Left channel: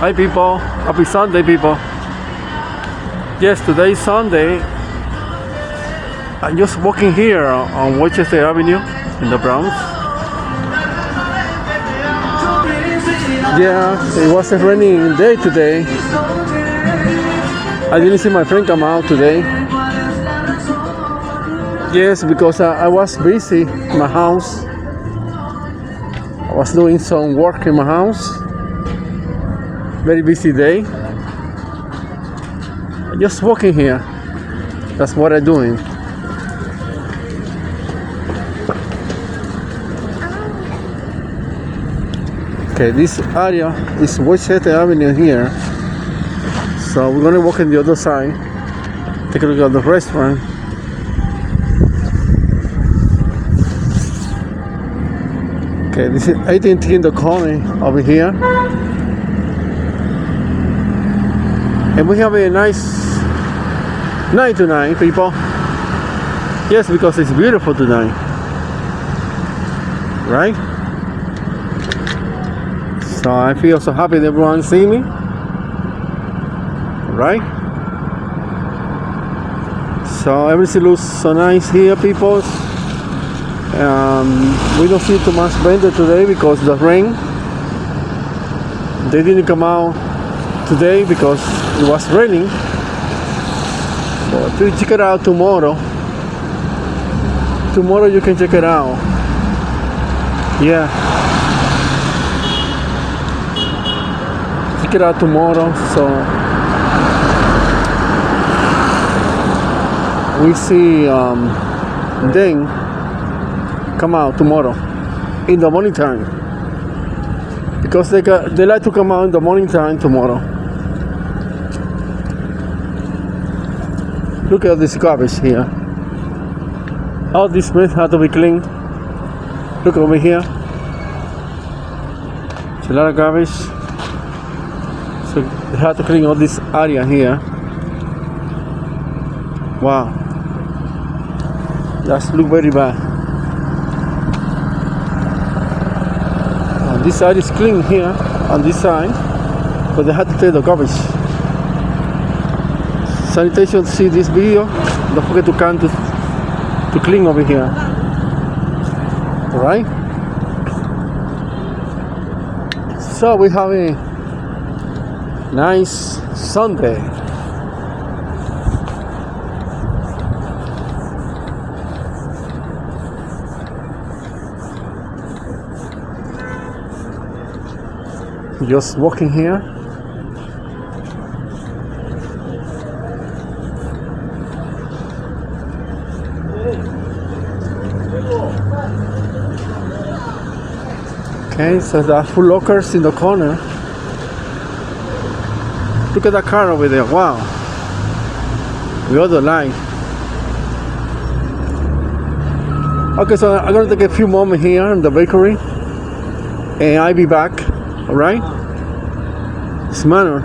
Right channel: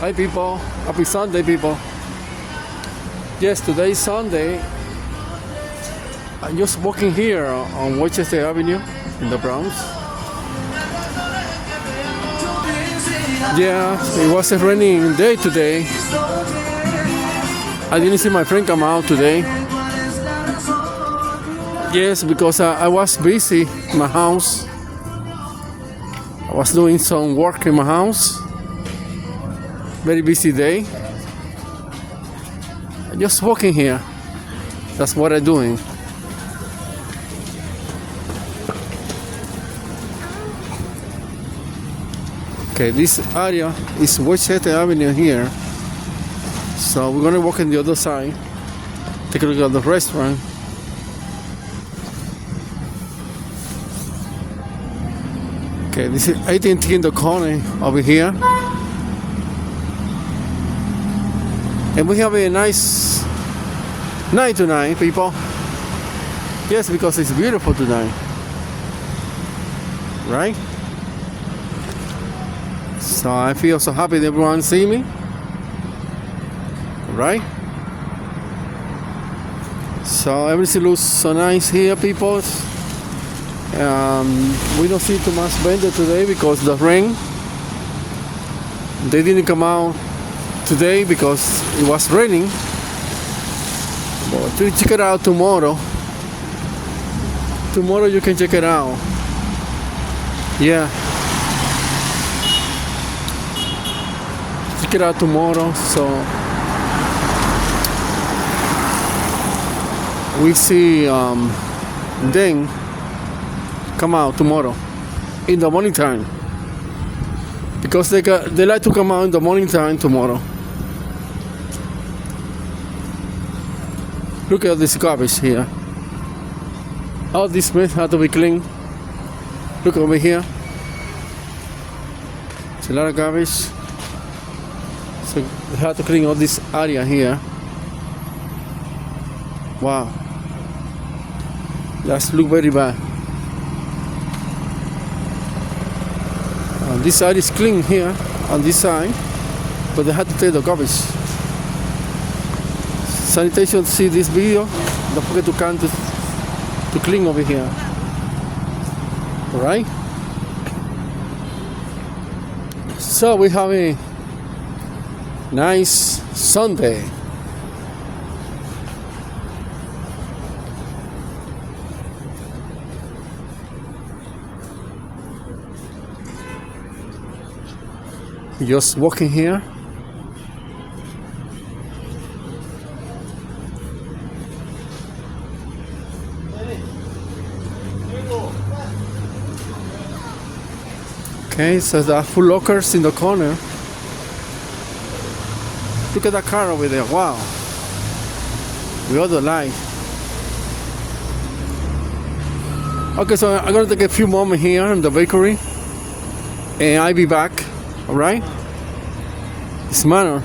Hi people, happy Sunday people. Yes, today is Sunday. I'm just walking here on Weschester Avenue in the Bronx. Yeah, it was a rainy day today. I didn't see my friend come out today. Yes, because I was busy in my house. I was doing some work in my house. Very busy day. Just walking here. That's what I'm doing. Okay, this area is Weschester Avenue here. So we're gonna walk on the other side. Take a look at the restaurant. Okay, this is AT&T in the corner over here. And we have a nice night tonight, people. Yes, because it's beautiful tonight. Right? So I feel so happy that everyone see me. Right? So everything looks so nice here, people. We don't see too much vendor today because of the rain. They didn't come out today because it was raining. So to check it out tomorrow. Tomorrow you can check it out. Yeah. Check it out tomorrow. So we see them come out tomorrow in the morning time because they like to come out in the morning time tomorrow. Look at this garbage here. All this mess had to be cleaned. Look over here. It's a lot of garbage. So they had to clean all this area here. Wow. That's look very bad. This side is clean here on this side, but they had to take the garbage. Sanitation, to see this video, don't forget to come to clean over here. Alright? So we have a nice Sunday. Just walking here. Okay, so there are full lockers in the corner. Look at that car over there. Wow. The other line. Okay, so I'm gonna take a few moments here in the bakery, and I'll be back. All right. It's manner.